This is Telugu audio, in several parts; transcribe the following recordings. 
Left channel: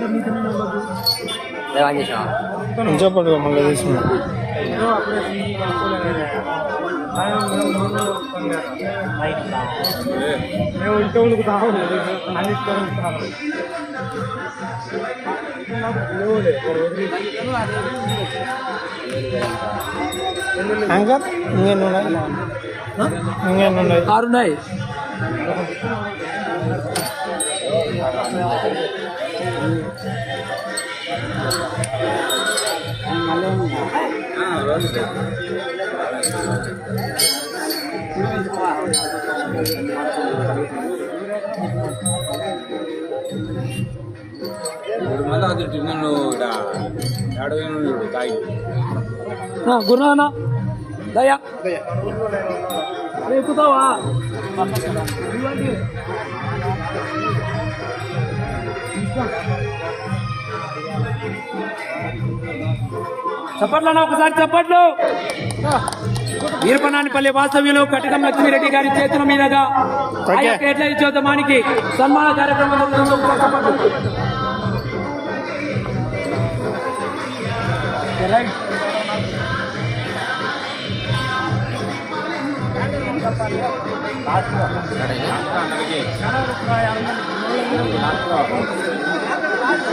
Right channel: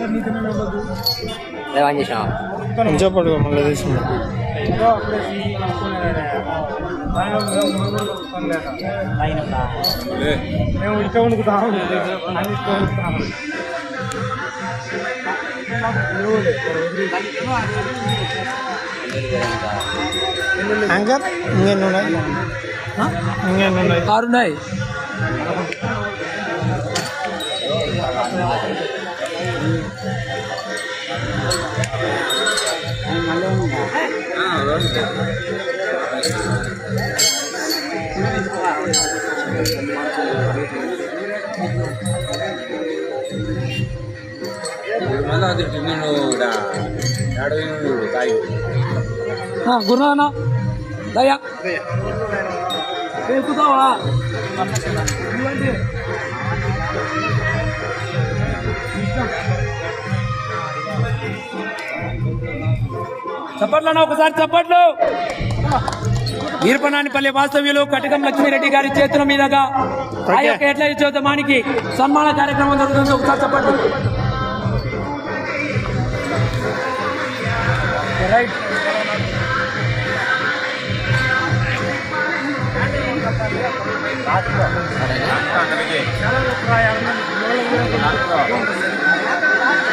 ఏమని చేసాం కొంచెం పడుకో మళ్ళీ తీసుకున్నా మేము ఇంకా ఉనుకుతాము అన్ని ఉనుకుతాము యాంకర్ ఇంకెన్ని ఉన్నాయి ఇంకెన్ని ఉన్నాయి ఆరున్నాయి చప్పట్లను? ఒకసారి చప్పట్లు. వీరపనానిపల్లి వాస్తవ్యులు కటకం లక్ష్మీరెడ్డి గారి చేతుల మీదుగా ఎట్ల చోదమానికి సన్మాన కార్యక్రమం జరుగుతుంది. ఒకసారి చప్పట్లు.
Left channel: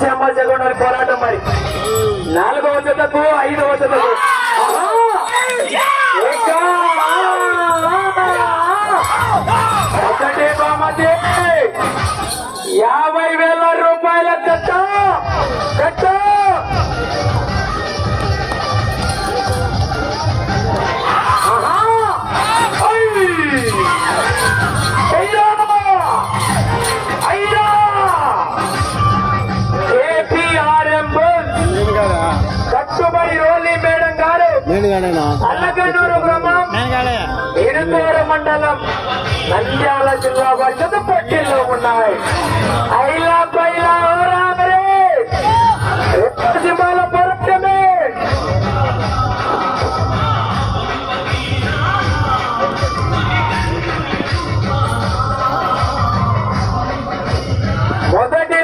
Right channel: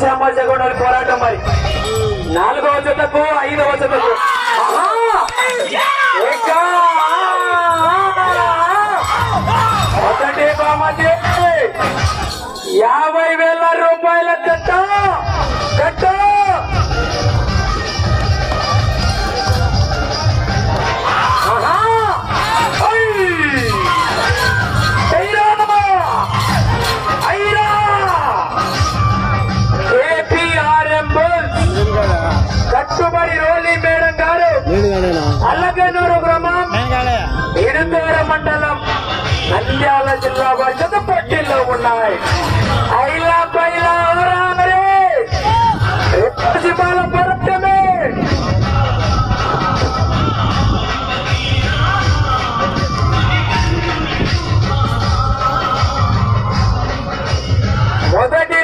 ఆశ్రమజగొండ పోరాటం మరి. నాలుగవ జతకు ఐదవ జతకు.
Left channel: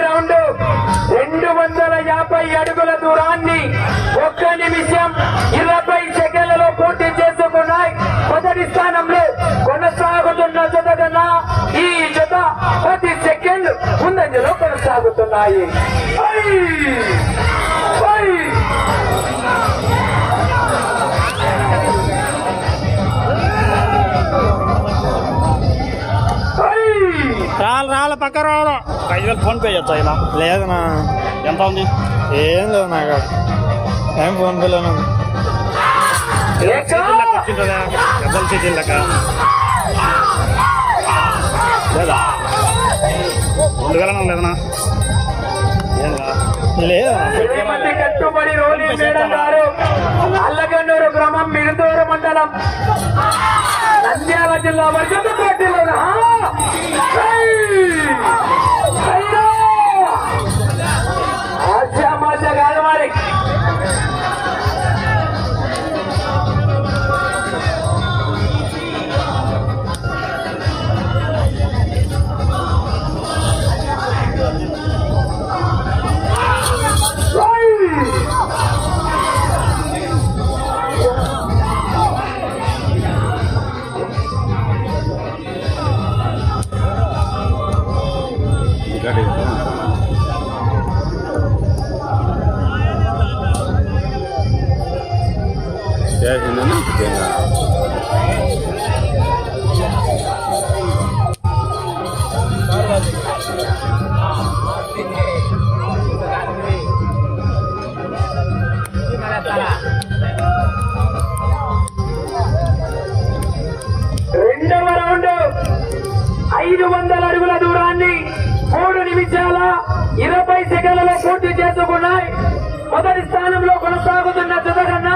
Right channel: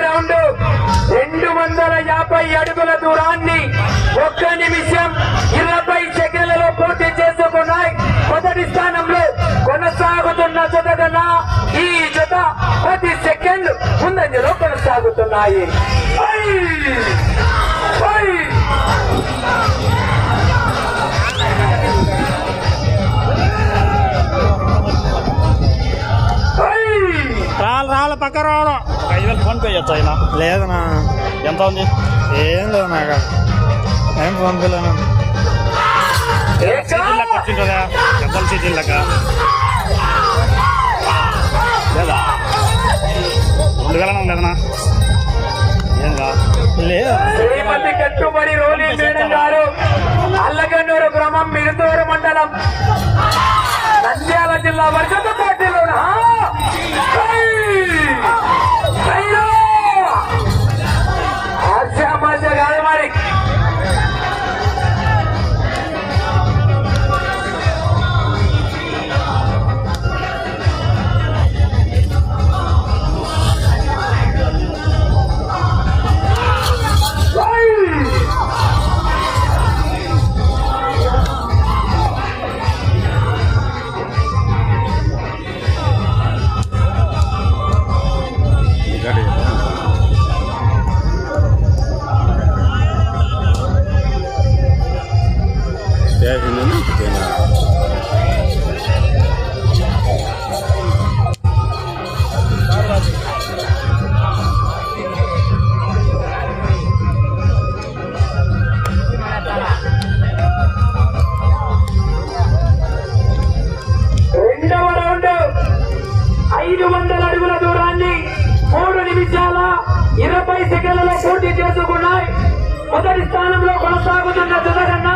రౌండ్ రెండు వందల యాభై అడుగుల దూరాన్ని ఒక్క నిమిషం ఇరవై సెకండ్లలో పూర్తి చేసుకున్నాయి. మొదటి స్థానంలో కొనసాగుతున్న జతగన ఈ జత సెకండ్ ముందంజలో కొనసాగుతున్నాయి ఐ! ఐ! ఐ! రాళ్ళు రాళ్ళు పక్క రావడం ఐదు వేలు ఫోన్ పే చేస్తా ఆయన లేదనా ఎంత ఉంది? ఏం లేవు నాకు ఏం ఫోన్ పేలోనే ఉంది ఏకా! రెండు వేల లేదనా? ఏం కా లేదా శ్రీమతి కట్టుబడి రోలి మేడం గారు. అల్లగన్నూరు గ్రామం మిరుదూరు మండలం. రెండవ రౌండ్ ఐదు వందల అడుగుల దూరాన్ని మూడు నిమిషాల ఇరవై సెకండ్లలో పూర్తి చేసుకున్నాయి. మొదటి స్థానంలో కొనసాగుతున్న జత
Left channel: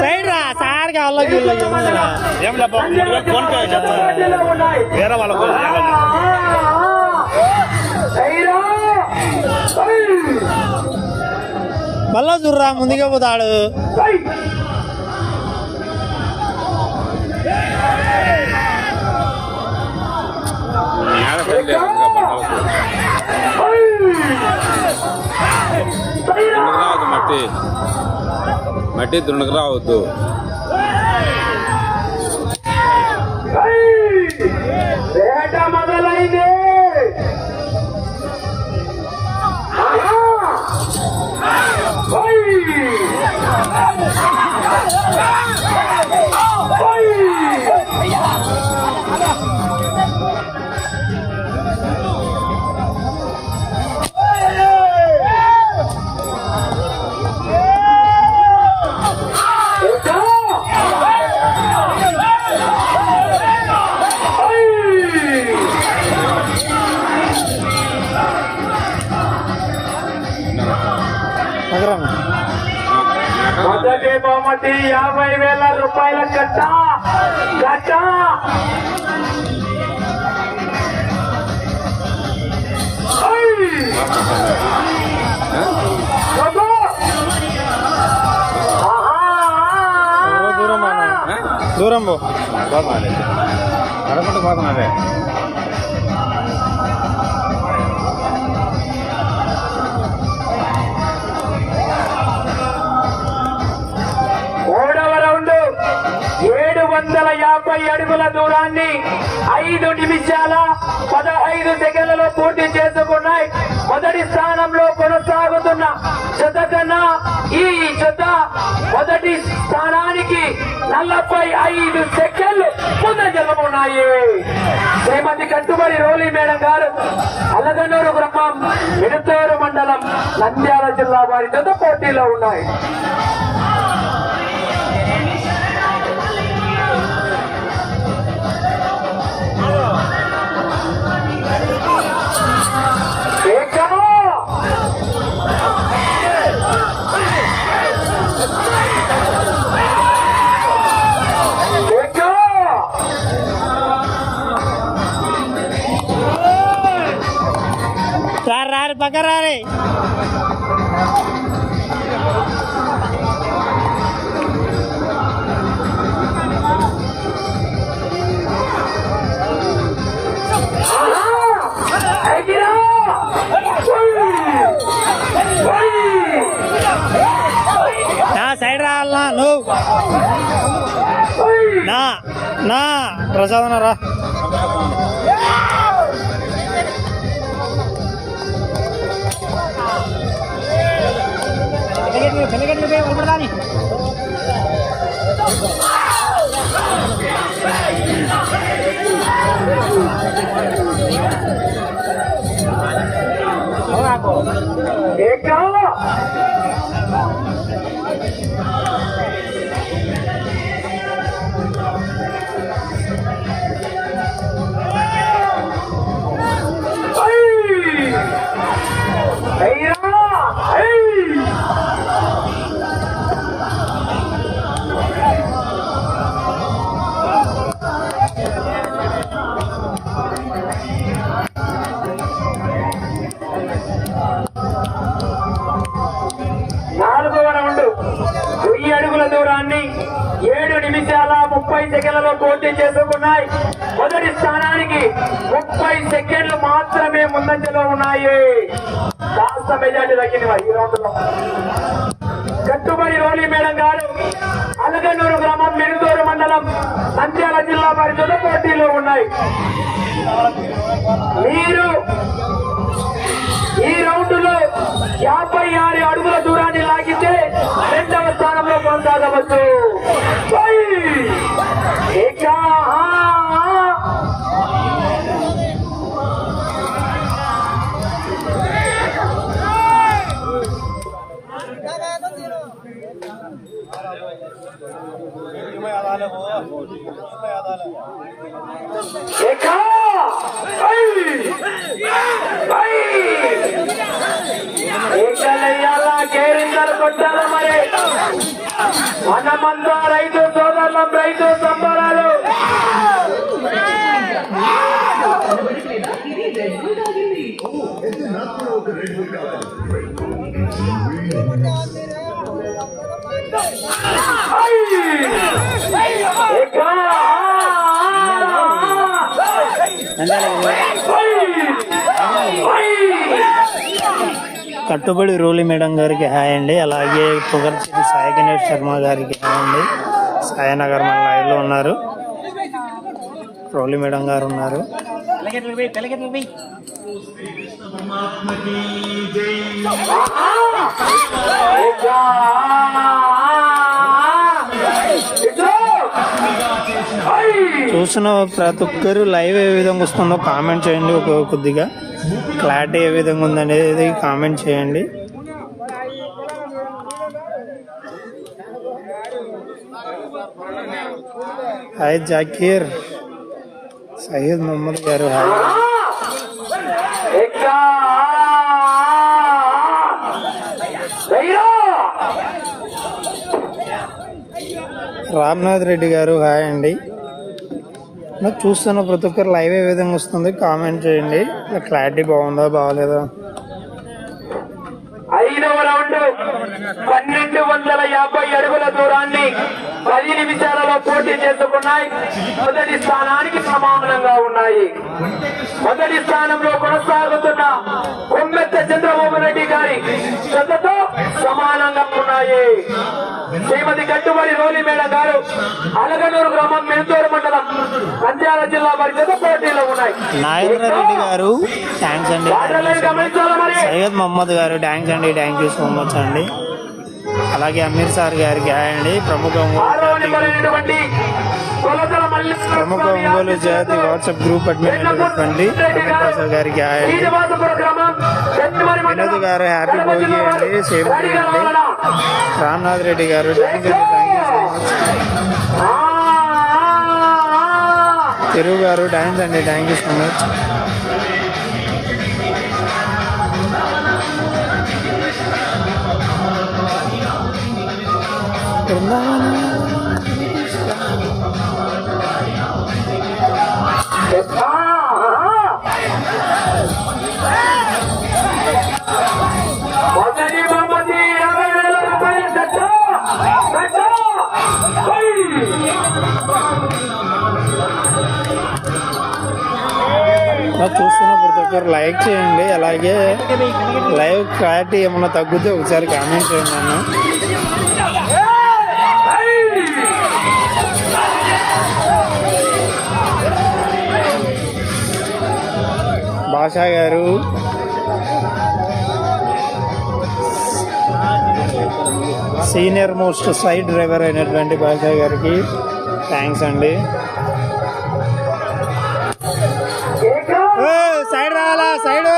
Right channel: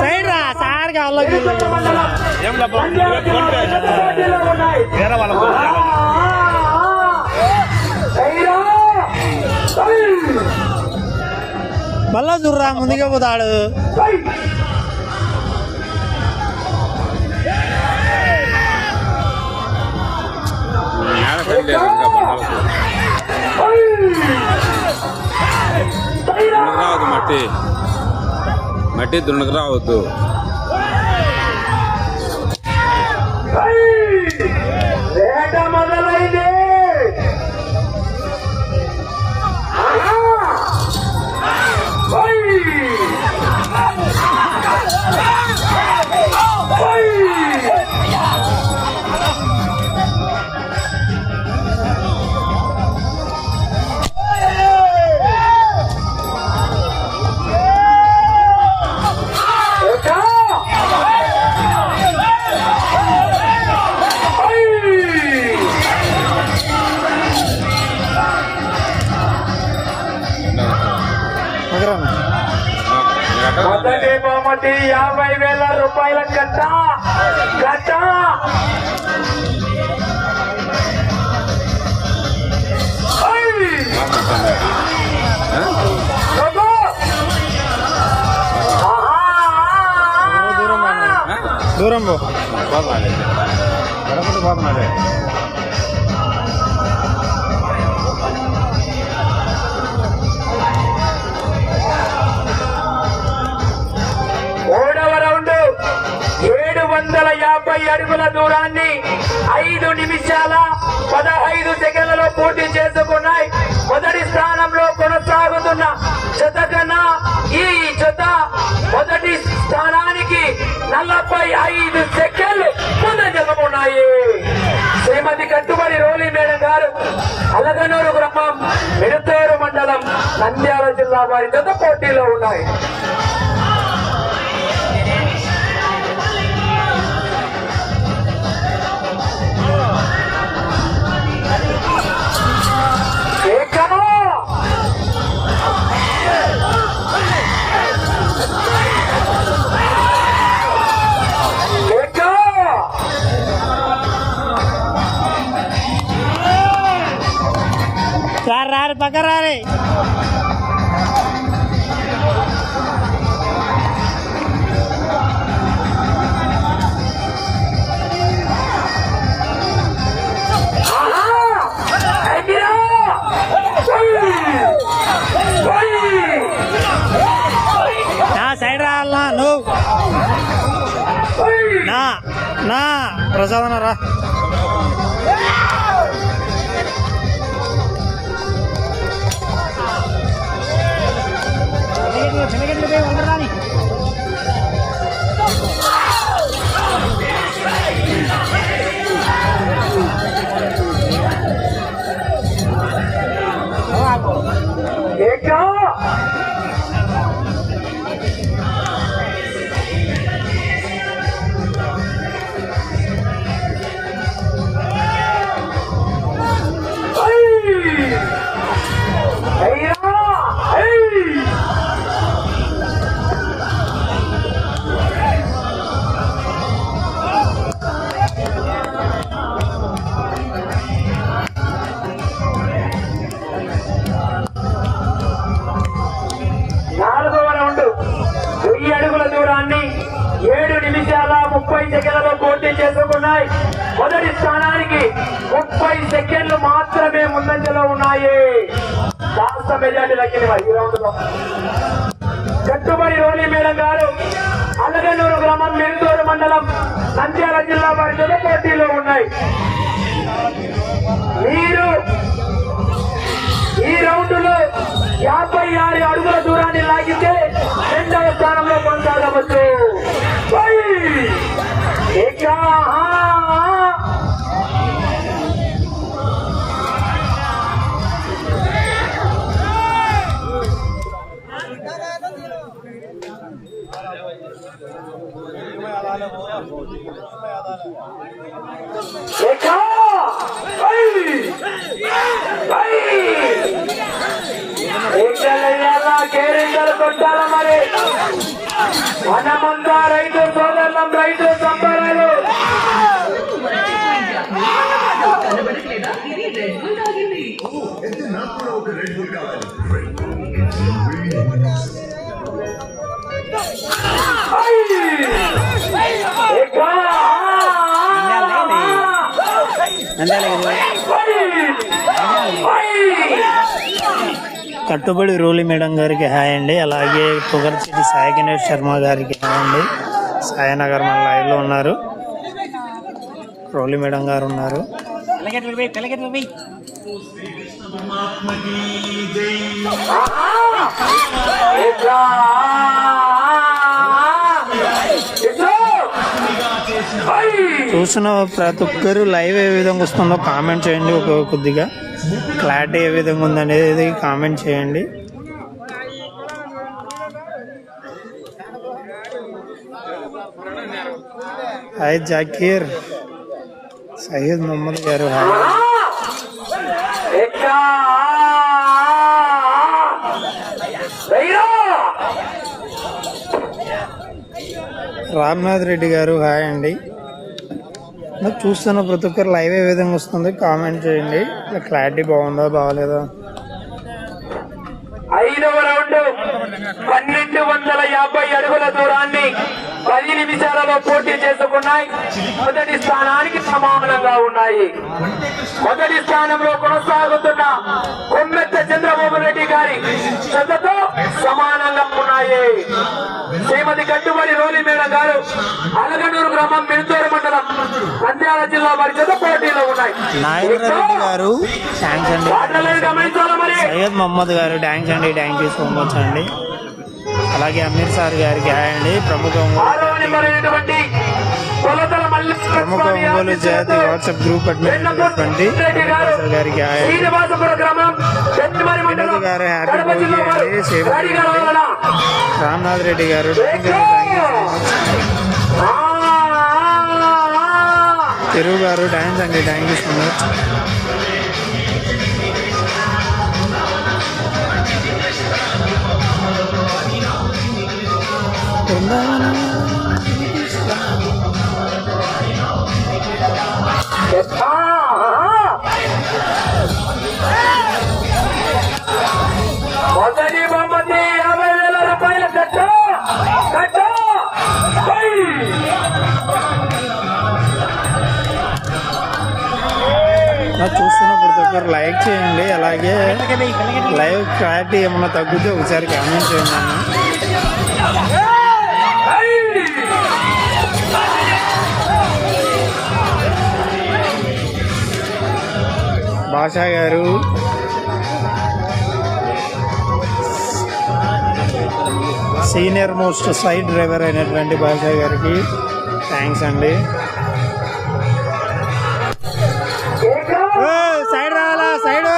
సైడ్ రా సార్ కాళ్ళకి వేరే మళ్ళా చూర్రా ముందుగా పోతాడు. పండుగ దుండకు రావద్దు మట్టి. మట్టి దుండకు రావద్దు పో పోతున్నది కడపటి మూడవ రౌండ్ ఏడు వందల యాభై అడుగుల దూరాన్ని ఐదు నిమిషాల పదహైదు సెకండ్లలో పూర్తి చేసుకున్నాయి. మొదటి స్థానంలో కొనసాగుతున్న జత కన్నా ఈ జత మొదటి స్థానానికి నలభై ఐదు సెకండ్లు ముందంజలో ఉన్నాయి శ్రీమతి కట్టుబడి రోలి మేడం గారు అలగనూరు గ్రామం మిడతూరు మండలం నంద్యాల జిల్లా వారి జత పోటీలో ఉన్నాయి. బకరారే సైడ్ రావాలనా నువ్వు. నా నా కాస్త మెజార్టీ తగ్గింది ఈ రౌండ్లో కట్టుబడి కొట్టాలా మరి మనమంతా రైతు సోదరులం రైతు సంబరాలు కావాలి కట్టుబడి రూలి మేడం గారికి హాయ్ అండి అలాగే పొగర్చిటి సాయి గణేష్ శర్మ గారికి హాయ్ అండి సాయనగర్ మన లైవ్లో ఉన్నారు రూలి మేడం గారు ఉన్నారు ఎక్కా! చూసిన ప్రతి ఒక్కరు లైవ్ ఏ విధంగా వస్తుందో కామెంట్ చేయండి ఒక కొద్దిగా. క్లారిటీ ఏ విధంగా ఉందనేది కామెంట్ చేయండి. హాయ్ జాకీర్. సయ్యద్ మొహమ్మద్ గారు హాయ్. రామ్నాథ్ రెడ్డి గారు హాయ్ అండి. నాకు చూస్తున్న ప్రతి ఒక్కరు లైవ్ ఏ విధంగా వస్తుంది? కామెంట్ చేయండి. క్లారిటీ బాగుందా బాగలేదా? చేసుకున్నాయి మొదటి స్థానానికి సమానంగా ఉన్నాయి. మొదటి స్థానంలో కొనసాగుతున్న కొమ్మెత్త చంద్రబాబు రెడ్డి గారి జతతో సమానంగా ఉన్నాయి. శ్రీమతి కట్టుబడి రోలి మేడం గారు అలగనూరు గ్రామం మెంతూరు మండలం నంద్యాల జిల్లా వారి జత పోటీలో ఉన్నాయి. నాగేంద్ర రెడ్డి గారు థ్యాంక్స్ అండి. సయ్యద్ మొహమ్మద్ గారు థ్యాంక్స్ అండి. థ్యాంక్ యూ సో మచ్ అండి. అలాగే అమీర్ సార్ గారికి అండి. ప్రముఖ ప్రముఖ ఒంగోలు జాతి వాట్సాప్ గ్రూప్ అడ్మిన్ అయినటువంటి అమీర్ బాషా గారికి వినోద్ గారు హ్యాపీ భోగి అండి. సేమ్ అండి? రామ్నాథ్ రెడ్డి గారు thank you thank you so much ఆ, ఆ, ఆ. తెలుగు గారు థ్యాంక్స్ అండి థ్యాంక్ యూ సో మచ్ మొదటి బహుమతి యాభై వేల రూపాయల చూస్తున్న ప్రతి ఒక్కరు లైక్ చేయండి అలాగే లైవ్ క్లారిటీ ఏమన్నా తగ్గితే ఒకసారి కామెంట్ చేయండి ఆశా గారు. సీనియర్ మోస్ట్ సైడ్ డ్రైవర్ అయినటువంటి బాషా గారికి థ్యాంక్స్ అండి. ఓ, సైడ్ రావాలా సైడ్?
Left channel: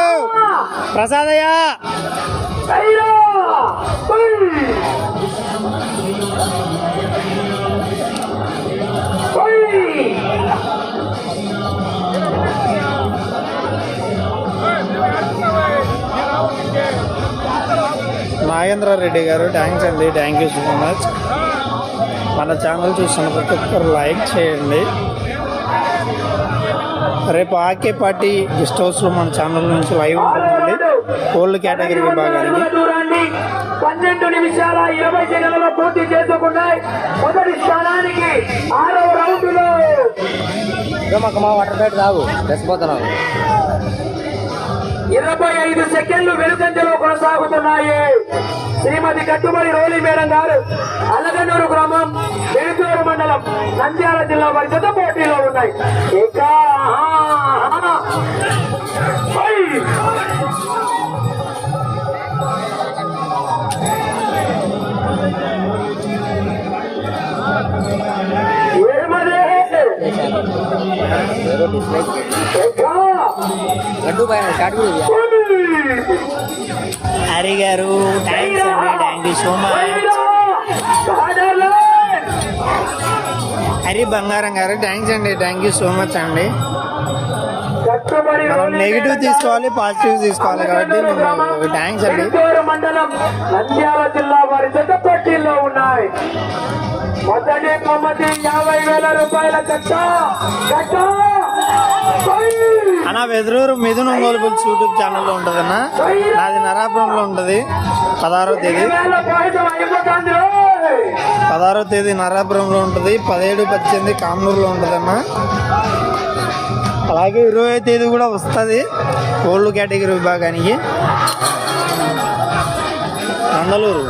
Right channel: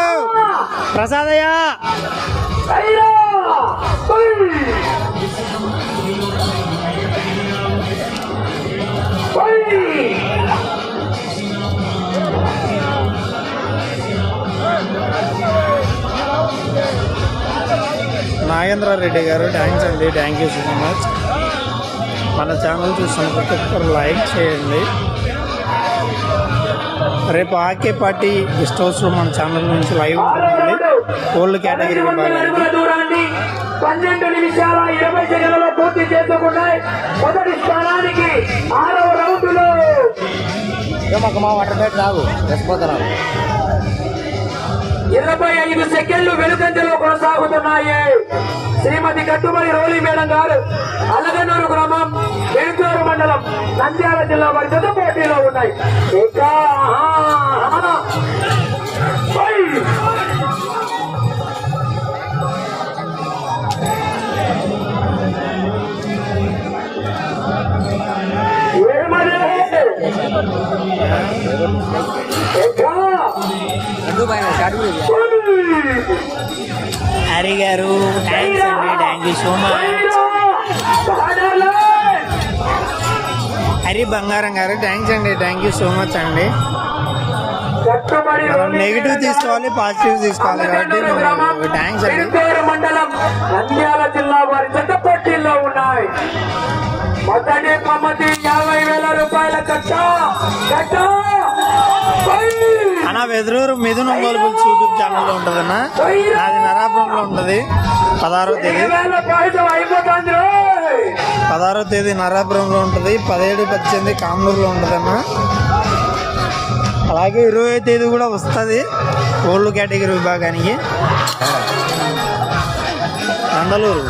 ప్రసాదయ్య Hey! నాగేంద్ర రెడ్డి గారు థ్యాంక్స్ అండి థ్యాంక్ యూ సో మచ్ మన ఛానల్ చూస్తున్న ప్రతి ఒక్కరు లైక్ చేయండి. రేపు ఆకే పార్టీ గెస్ట్ హౌస్లో మన ఛానల్ నుంచి లైవ్ ఉంటుందండి. ఓల్డ్ కేటగిరీ దూరాన్ని పన్నెండు నిమిషాల ఇరవై సెకండ్లలో పూర్తి చేసుకున్నాయి మొదటి స్థానానికి ఆరవ రౌండ్లో. ఇరవై ఐదు సెకండ్లు వెలుసంచలో కొనసాగుతున్నాయి. శ్రీమతి కట్టుబడి రోలి మేడం గారు అలగనూరు గ్రామం వేటూరు మండలం నంద్యాల జిల్లా వారి హరి గారు థ్యాంక్స్ అండి thank you so much! Hari Bangaram గారు థ్యాంక్స్ అండి థ్యాంక్ యూ సో మచ్ అండి. మనం నెగిటివ్ తీసుకోవాలి పాజిటివ్ తీసుకోవాలి కాబట్టి థ్యాంక్స్ అండి. మండలం నంద్యాల జిల్లా వారి చెత్త పోటీల్లో ఉన్నాయి. మొదటి బహుమతి యాభై వేల రూపాయల పై! అన్న వెదురూరు మిథున్ ఒంగోలు బుల్స్ యూట్యూబ్ ఛానల్లో ఉంటుందన్న. నాది నరాపురంలో ఉంటుంది. పదహారో తేదీ. పదహారో తేదీ నరాపురంలో ఉంటుంది. పదిహేడు పద్దెనిమిది కామనూరులో ఉంటుందన్న. అలాగే ఇరవై తేదీ కూడా వస్తుంది. ఓల్డ్ కేటగిరీ విభాగానికి. నందలూరు.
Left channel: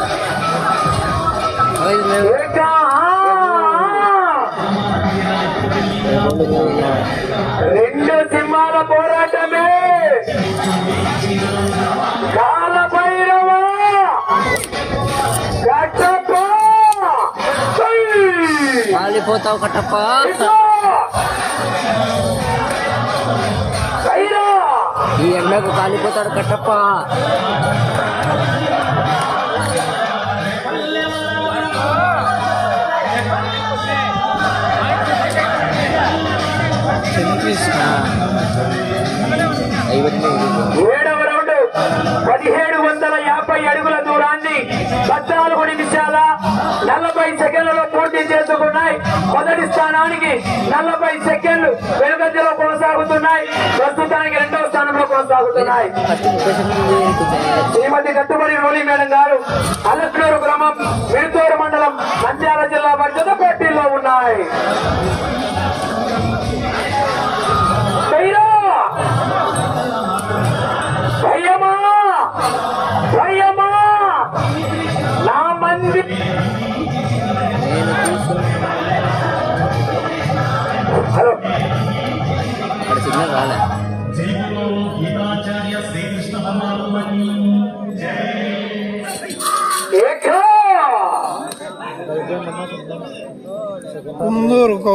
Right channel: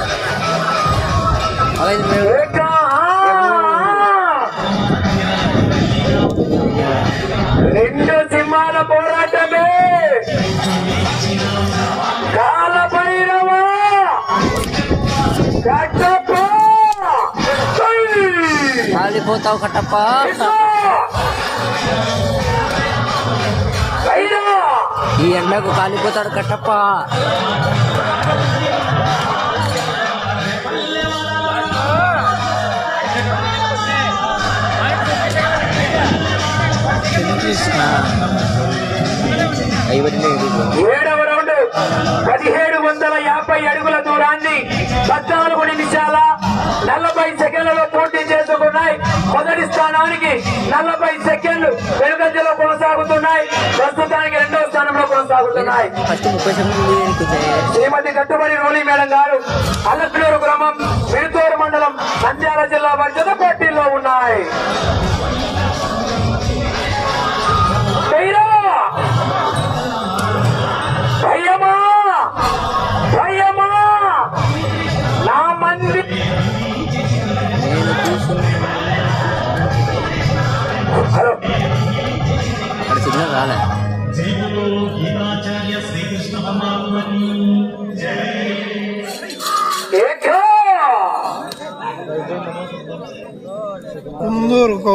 రెండు సింహాల పోరాటమే. కాలభైరవ. కట్టప్ప! కాలిపోతావు కట్టప్ప! ఈ ఎండకు కాలిపోతాడు కట్టప్ప. ఏడవ రౌండ్ పదిహేడు వందల యాభై అడుగుల దూరాన్ని పద్నాలుగు నిమిషాల నలభై సెకండ్లలో పోటీ చేసుకున్నాయి. మొదటి స్థానానికి నలభై సెకండ్లు వెనుకంజలో కొనసాగుతున్నాయి. ప్రస్తుతానికి రెండవ స్థానంలో కొనసాగుతున్నాయి. శ్రీమతి కట్టుబడి రోలి మేడం గారు అలక్నూరు గ్రామం విడుతూరు మండలం నంద్యాల జిల్లా పరిషత్ పోటీల్లో ఉన్నాయి.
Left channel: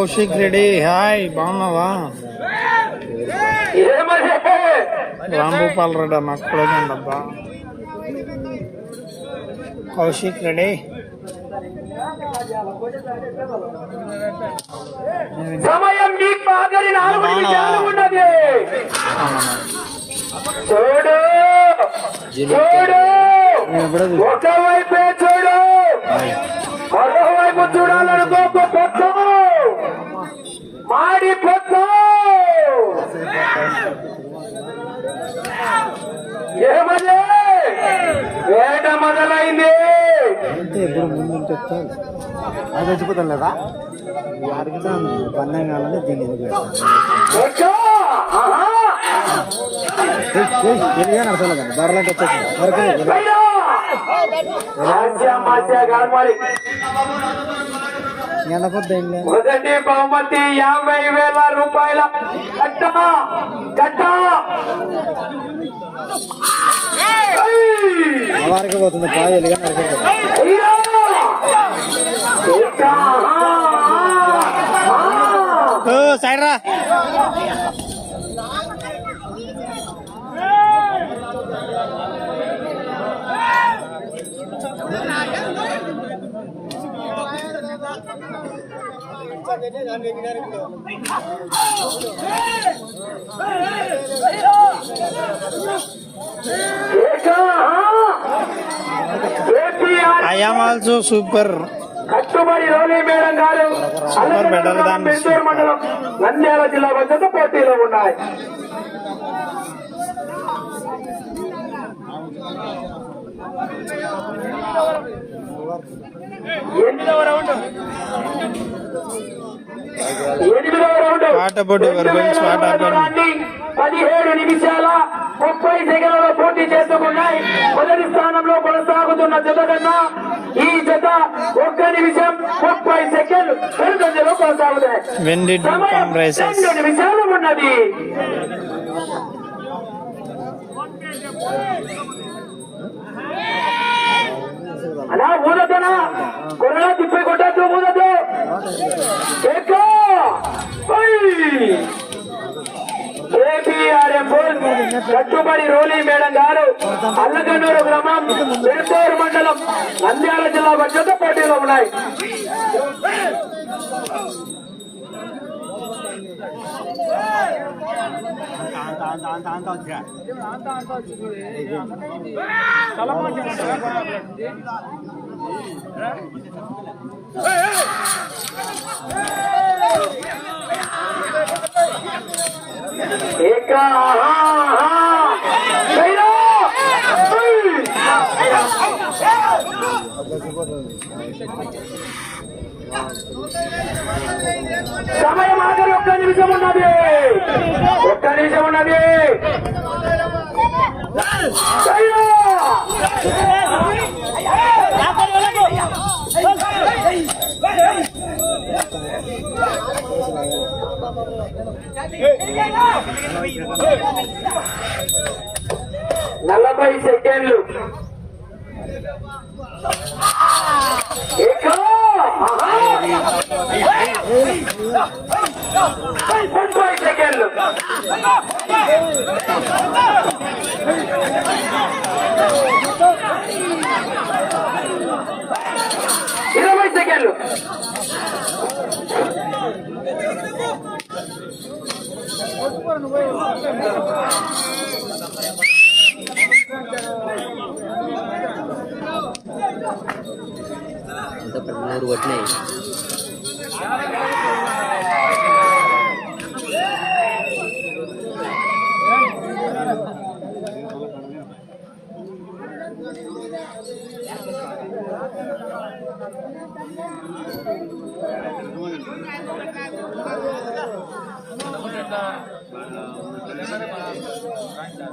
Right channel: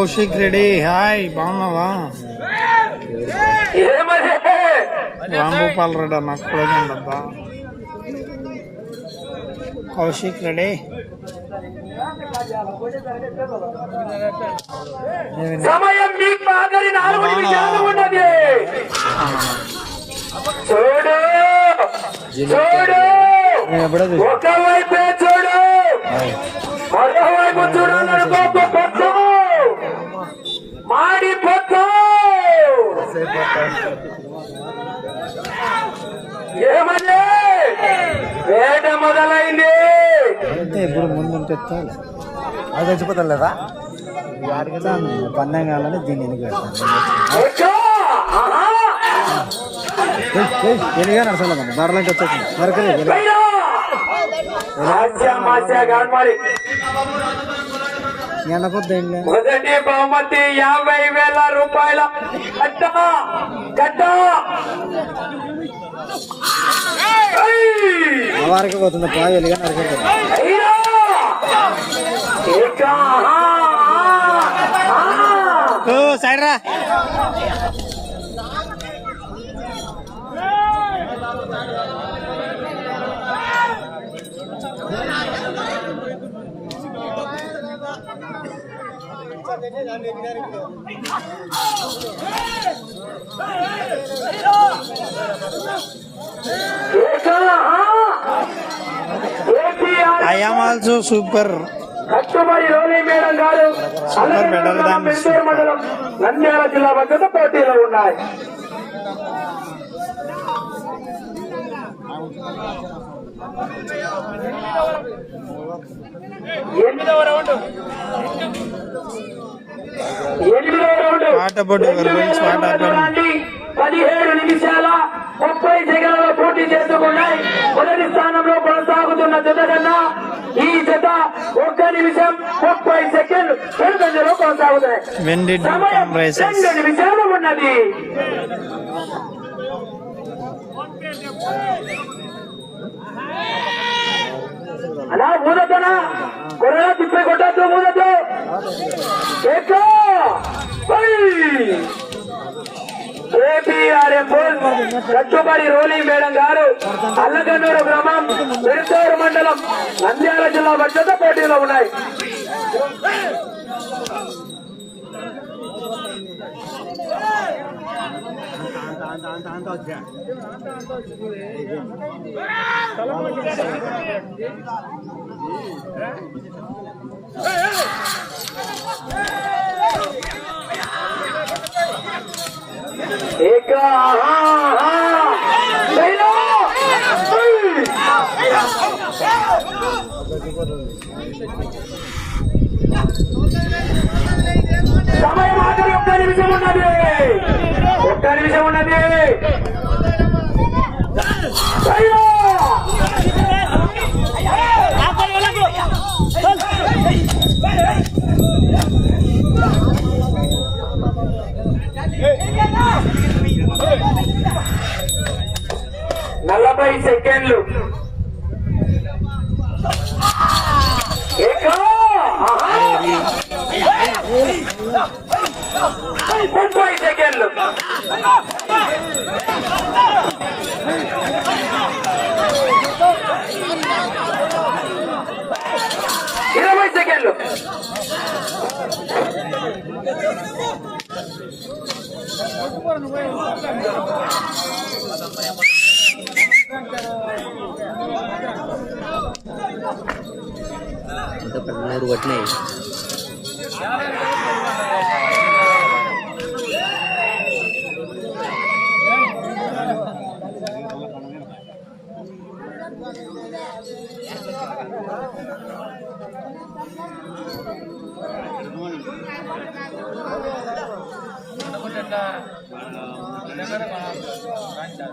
కౌశిక్ రెడ్డి హాయ్ బాగున్నావా రాంభూపాల్ రెడ్డి అన్న కూడా ఉండబ్బా కౌశిక్ రెడ్డి సమయం మీకు ఆఖరి నాలుగు నిమిషాలు ఉన్నది. చూడు. చూడు. ఒకవైపే చూడు. మరోవైపు చూడాలనుకో ఏమయ్యే? వేట మొదలైంది. ఇప్పుడు ముందు ఉంటే అది చచ్చిపోతాం లేదా? పన్నెండు దీన్ని ఎందుకు ఎక్కు. ఆహా. బర్రెలకు వచ్చేసింది పైన. మొదటి బహుమతి యాభై వేల రూపాయల పోతుంది పాలు వెలుగా నరకొద్దు అయ్యా! ఏక, ఆ, ఆ, ఆ. సైడ్ రా ఏక, ఆ. ఏపీఆర్ ఐఎమ్ ఆల్సో సూపర్ కట్టుబడి మేడం గారు మెడల్ మండలం నంద్యాల జిల్లా మధ్య పోటీలో ఉన్నాయి పదిహేడు నిమిషాల ముప్పై సెకండ్లలో పోటీ చేసుకున్నాయి మొదటి స్థానంలో కొనసాగుతున్న జత కన్నా ఈ జత ఒక్క నిమిషం ముప్పై వెనుకంజలో కొనసాగుతాయి. రెండు నిమిషాలు ఉన్నది. అలా ఊదకనా కొరగా తిప్పే కొట్టద్దు ఊదద్దు ఏపీఆర్ఎం కట్టుబడి రోలీ మేడం గారు అల్లగన్నూరు గ్రామం విడుతూరు మండలం నంద్యాల జిల్లా భద్రత పోటీలో ఉన్నాయి. సమయం ఒక్క నిమిషం ఉన్నది ఒక్క నిమిషం ఉన్నది జైలో! నలభై సెకండ్లు ఏక! ఆహా! ముప్పై సెకండ్లు ఇరవై సెకండ్లు అంత మూడు కొట్టినాయి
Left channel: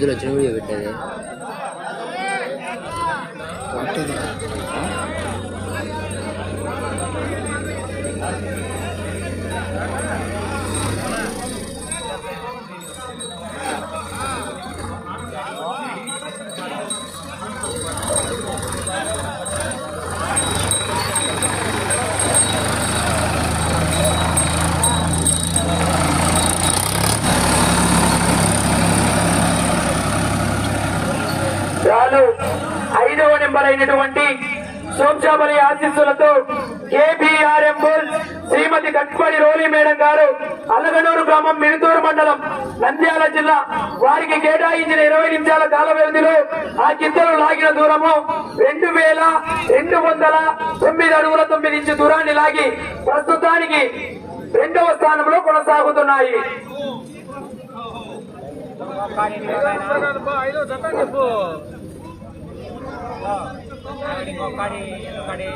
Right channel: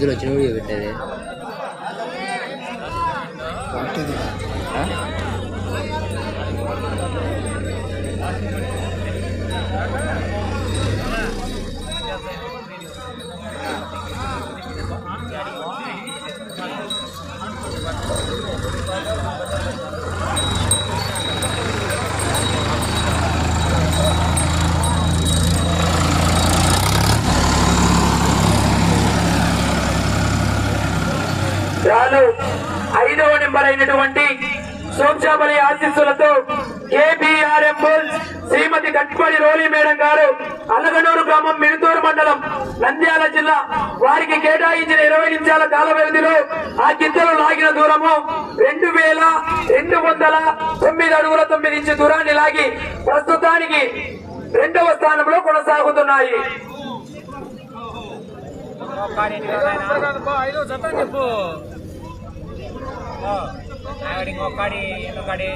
மெதுவில் சினுடி விட்டது. అయినటువంటి సోంశామలి ఆశీస్సులతో కేబిఆర్ఎం శ్రీమతి కట్పడి రోలి మేడం గారు అల్లగనూరు గ్రామం మిరుతూరు మండలం నంద్యాల జిల్లా. వారికి కేటాయించిన ఇరవై నిమిషాల కాల వ్యవధిలో ఆ గిద్దలు లాగిన దూరము రెండు వేల రెండు వందల తొమ్మిది అడుగుల తొమ్మిది ఇంచు దూరాన్ని లాగి ప్రస్తుతానికి రెండవ స్థానంలో కొనసాగుతున్నాయి. मोकाडे मोकाडे